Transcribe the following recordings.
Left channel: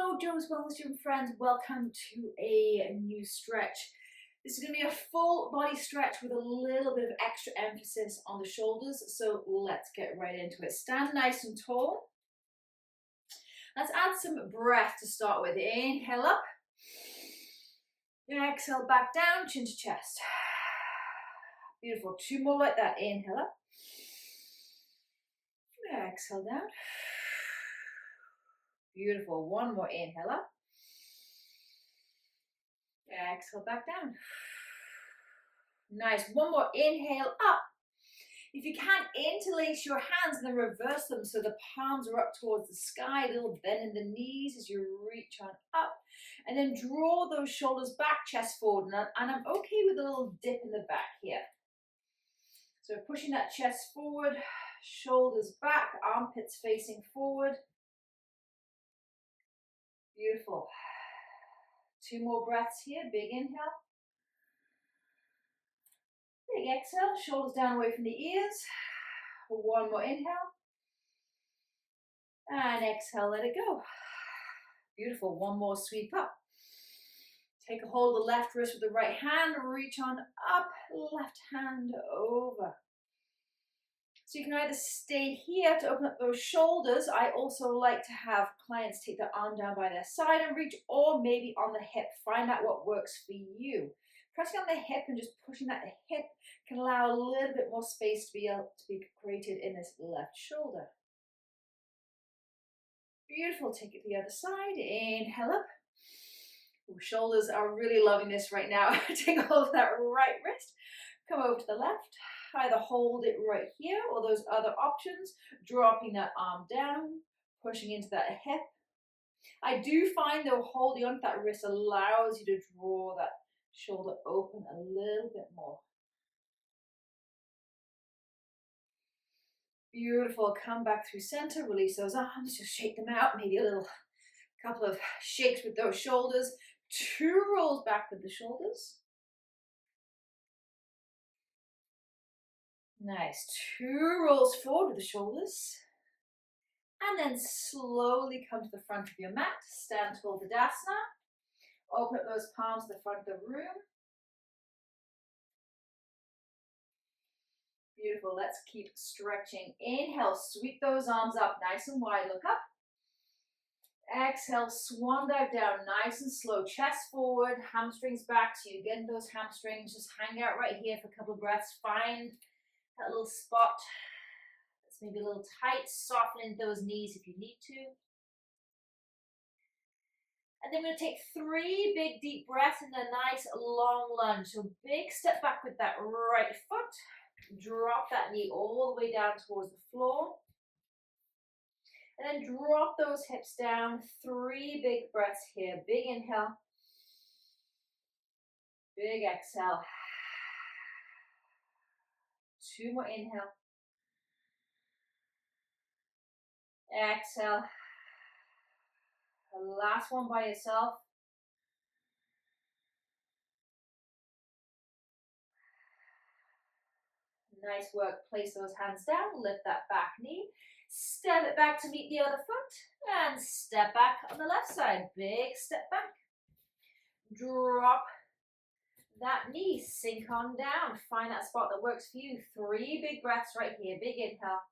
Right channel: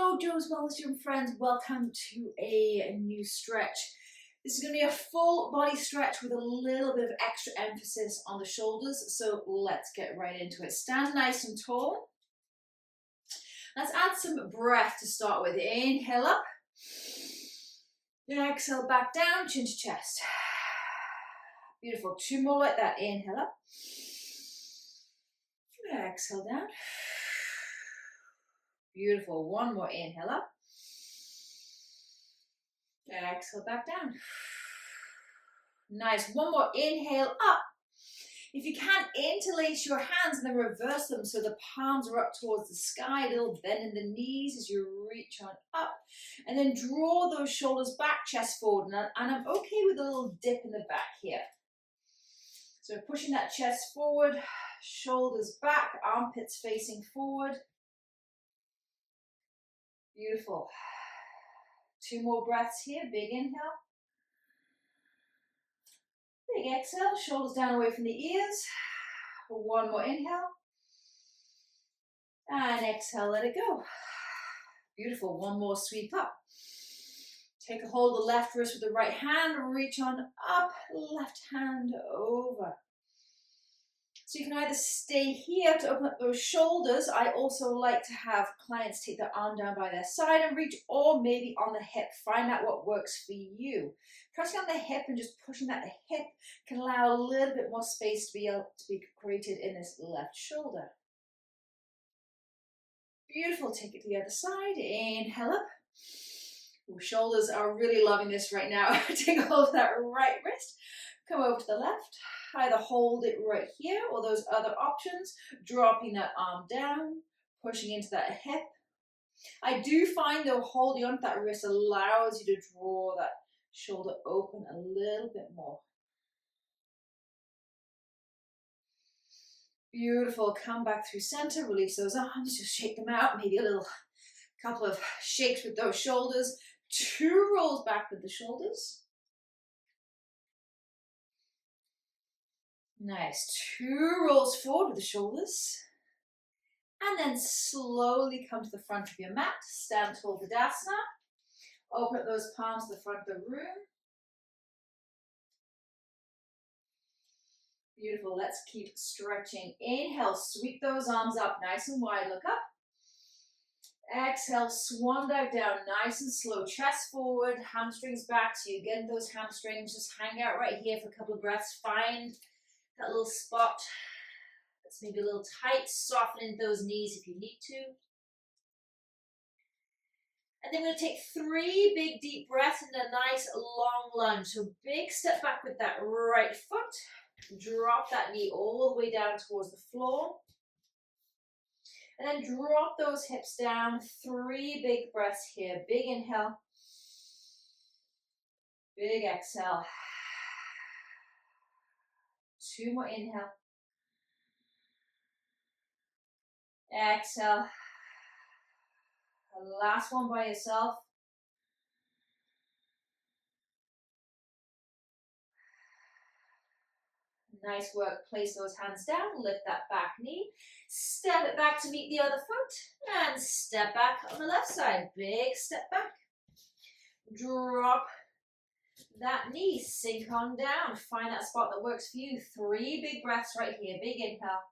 Hello, Joe's Wellness Gym friends. Welcome to a new stretch. This is going to be a full body stretch with a little bit of extra emphasis on the shoulders. So let's get right into it. Stand nice and tall. Let's add some breath to start with. Inhale up. Exhale back down, chin to chest. Beautiful. Two more like that. Inhale up. Exhale down. Beautiful. One more inhale up. Exhale back down. Nice. One more inhale up. If you can, interlace your hands and then reverse them so the palms are up towards the sky, a little bend in the knees as you reach on up. And then draw those shoulders back, chest forward. And I'm okay with a little dip in the back here. So pushing that chest forward, shoulders back, armpits facing forward. Beautiful. Two more breaths here. Big inhale. Big exhale. Shoulders down away from the ears. One more inhale. And exhale, let it go. Beautiful. One more sweep up. Take a hold of the left wrist with the right hand. Reach on up. Left hand over. So you can either stay here to open up those shoulders. I also like to have clients take their arm down by their side and reach, or maybe on the hip. Find out what works for you. Pressing on the hip and just pushing that the hip can allow a little bit more space to be able to be created in this left shoulder. Beautiful. Take it to the other side. Inhale up. Ooh, shoulders are really loving this right now. Take a hold of that right wrist. Come over to the left. Either hold it right here or those other options, dropping that arm down, pushing into that hip. I do find though holding onto that wrist allows you to draw that shoulder open a little bit more. Beautiful. Come back through center, release those arms, just shake them out, maybe a little couple of shakes with those shoulders. Two rolls back with the shoulders. Nice. Two rolls forward with the shoulders. And then slowly come to the front of your mat. Stand tall Tadasana. Open up those palms to the front of the room. Beautiful. Let's keep stretching. Inhale, sweep those arms up nice and wide. Look up. Exhale, swan dive down nice and slow. Chest forward, hamstrings back. So you get those hamstrings. Just hang out right here for a couple of breaths. Find that little spot that's maybe a little tight. Soften those knees if you need to. And then we're going to take 3 big deep breaths and a nice long lunge. So big step back with that right foot. Drop that knee all the way down towards the floor. And then drop those hips down. 3 big breaths here. Big inhale. Big exhale. 2 more inhale. Exhale. Last one by yourself. Nice work. Place those hands down. Lift that back knee. Step it back to meet the other foot. And step back on the left side. Big step back. Drop that knee. Sink on down. Find that spot that works for you. 3 big breaths right here. Big inhale.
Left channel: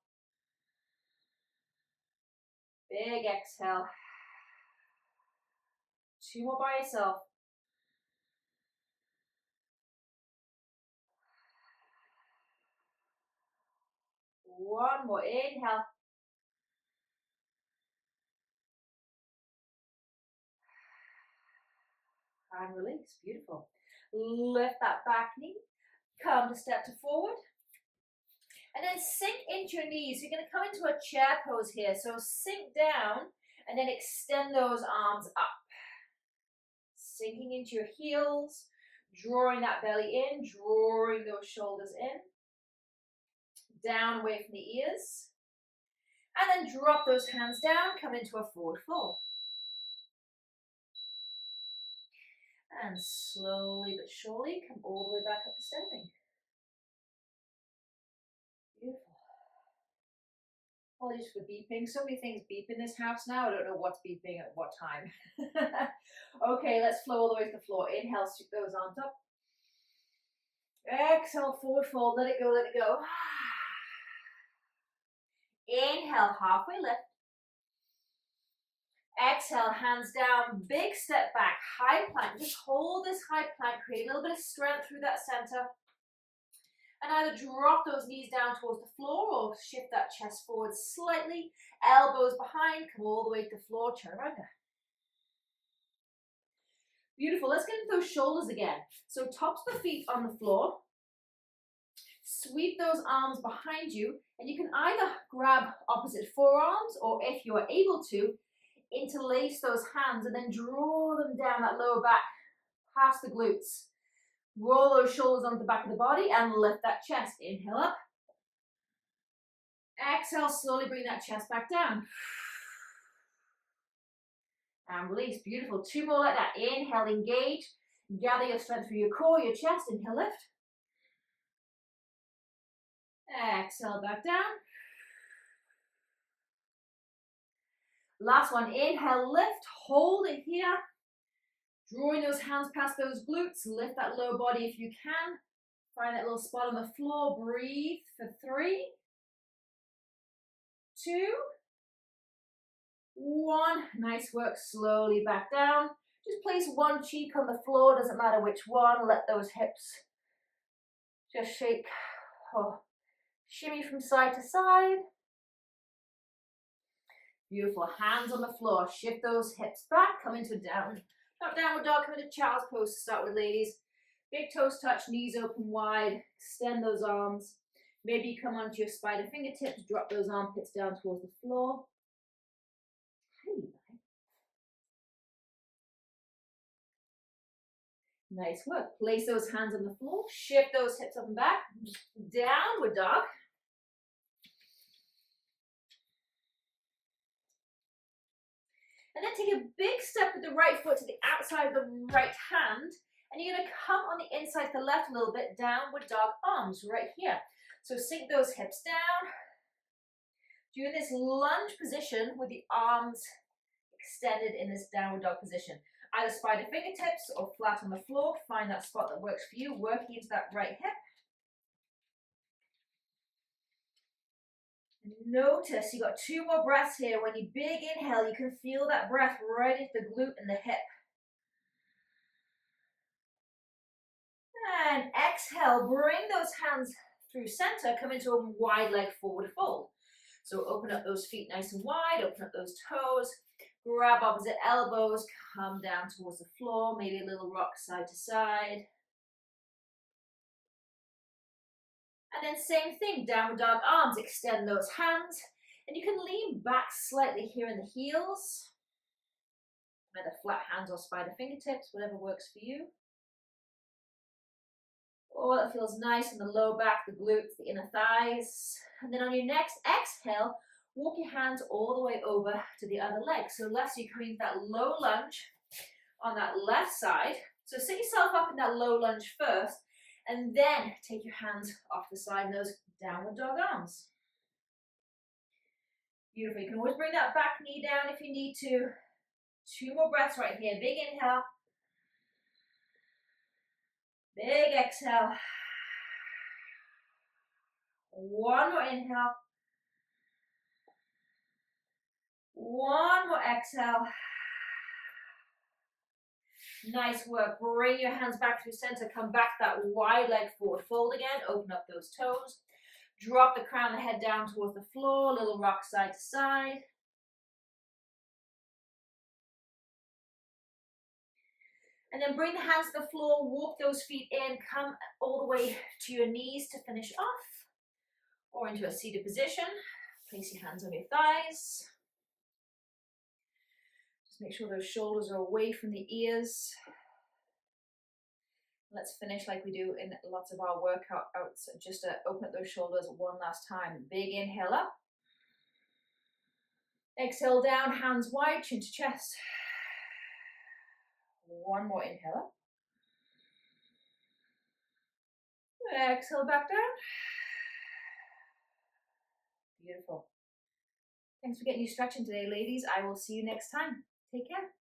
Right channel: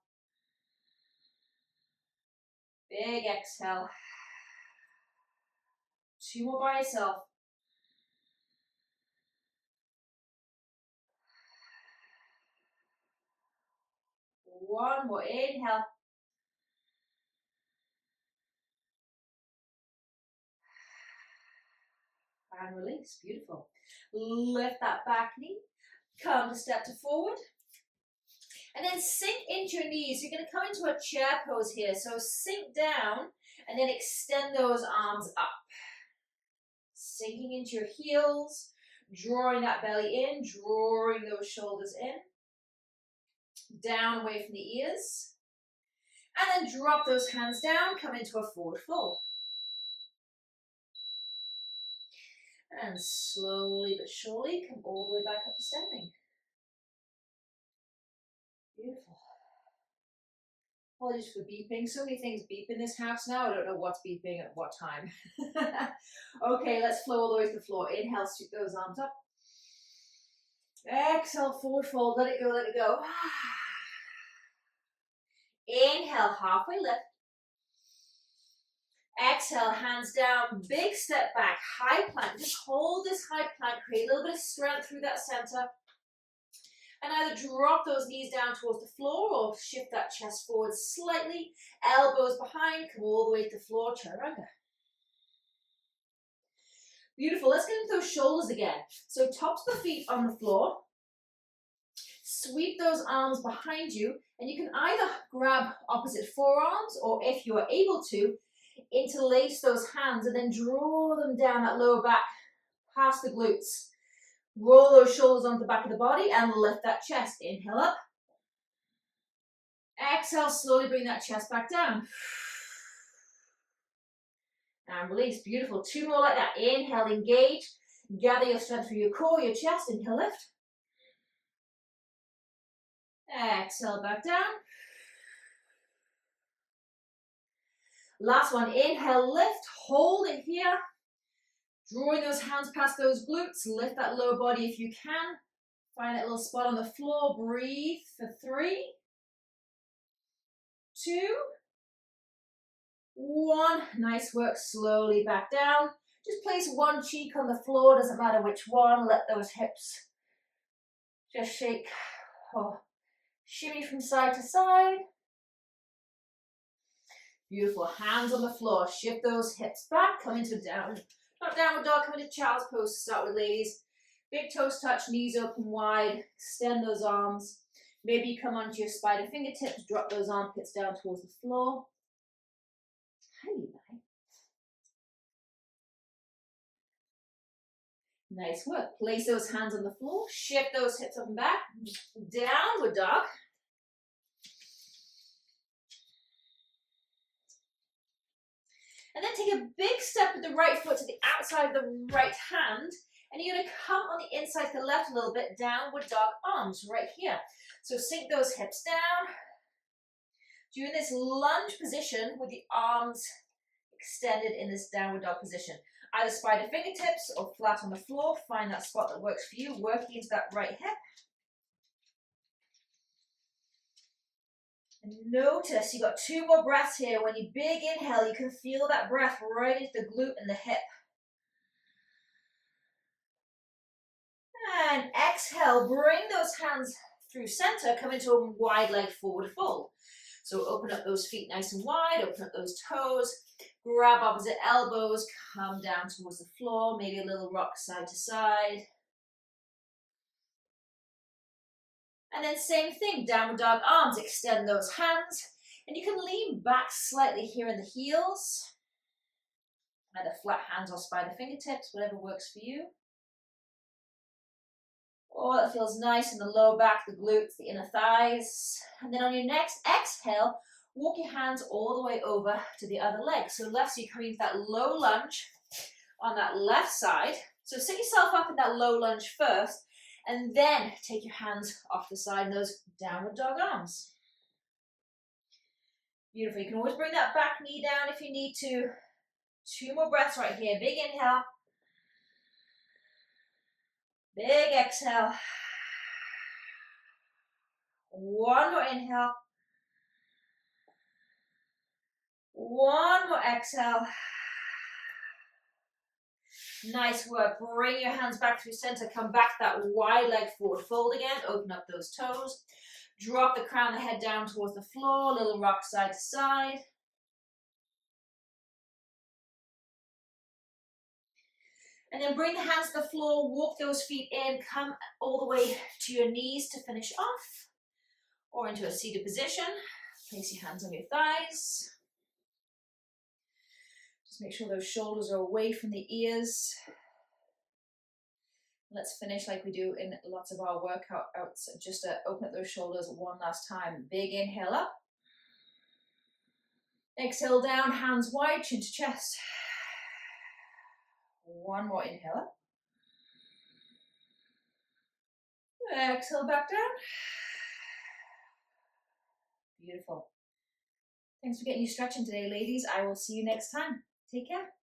Big exhale. 2 more by yourself. One more inhale. And release. Beautiful. Lift that back knee. Come to step to forward. And then sink into your knees. You're going to come into a chair pose here. So sink down and then extend those arms up. Sinking into your heels. Drawing that belly in. Drawing those shoulders in. Down away from the ears. And then drop those hands down. Come into a forward fold. And slowly but surely come all the way back up to standing. Beautiful. Apologies for beeping. So many things beep in this house now. I don't know what's beeping at what time. Okay, let's flow all the way to the floor. Inhale, sweep those arms up. Exhale, forward fold. Let it go, let it go. Inhale, halfway lift. Exhale, hands down, big step back, high plank. Just hold this high plank, create a little bit of strength through that center. And either drop those knees down towards the floor or shift that chest forward slightly. Elbows behind, come all the way to the floor, chaturanga. Beautiful, let's get into those shoulders again. So tops of the feet on the floor. Sweep those arms behind you, and you can either grab opposite forearms, or if you are able to, interlace those hands and then draw them down that lower back, past the glutes. Roll those shoulders onto the back of the body and lift that chest. Inhale up. Exhale, slowly bring that chest back down. And release. Beautiful. 2 more like that. Inhale, engage. Gather your strength through your core, your chest. Inhale, lift. Exhale, back down. Last one. Inhale, lift. Hold it here. Drawing those hands past those glutes. Lift that lower body if you can. Find that little spot on the floor. Breathe for 3, 2, 1. Nice work. Slowly back down. Just place one cheek on the floor. Doesn't matter which one. Let those hips just shake. Oh. Shimmy from side to side. Beautiful. Hands on the floor. Shift those hips back. Come into down. Not downward dog. Come into child's pose to start with, ladies. Big toes touch. Knees open wide. Extend those arms. Maybe you come onto your spider fingertips. Drop those armpits down towards the floor. Nice work. Place those hands on the floor. Shift those hips up and back. Downward dog. And then take a big step with the right foot to the outside of the right hand. And you're going to come on the inside to the left a little bit. Downward dog arms right here. So sink those hips down. Doing this lunge position with the arms extended in this downward dog position. Either spider fingertips or flat on the floor. Find that spot that works for you. Working into that right hip. Notice you got 2 more breaths here. When you big inhale, you can feel that breath right into the glute and the hip. And exhale, bring those hands through center, come into a wide leg forward fold. So open up those feet nice and wide, open up those toes, grab opposite elbows, come down towards the floor, maybe a little rock side to side. And then same thing, downward dog arms, extend those hands. And you can lean back slightly here in the heels. Either flat hands or spider fingertips, whatever works for you. Oh, that feels nice in the lower back, the glutes, the inner thighs. And then on your next exhale, walk your hands all the way over to the other leg. So left, so you're coming into that low lunge on that left side. So sit yourself up in that low lunge first. And then take your hands off the side, those downward dog arms. Beautiful. You can always bring that back knee down if you need to. 2 more breaths right here. Big inhale. Big exhale. 1 more inhale. 1 more exhale. Nice work. Bring your hands back through center. Come back that wide leg forward fold again. Open up those toes. Drop the crown of the head down towards the floor. Little rock side to side. And then bring the hands to the floor. Walk those feet in. Come all the way to your knees to finish off. Or into a seated position. Place your hands on your thighs. Just make sure those shoulders are away from the ears. Let's finish like we do in lots of our workouts. Just to open up those shoulders one last time. Big inhale up. Exhale down, hands wide, chin to chest. 1 more inhale up. Exhale back down. Beautiful. Thanks for getting you stretching today, ladies. I will see you next time. Take care.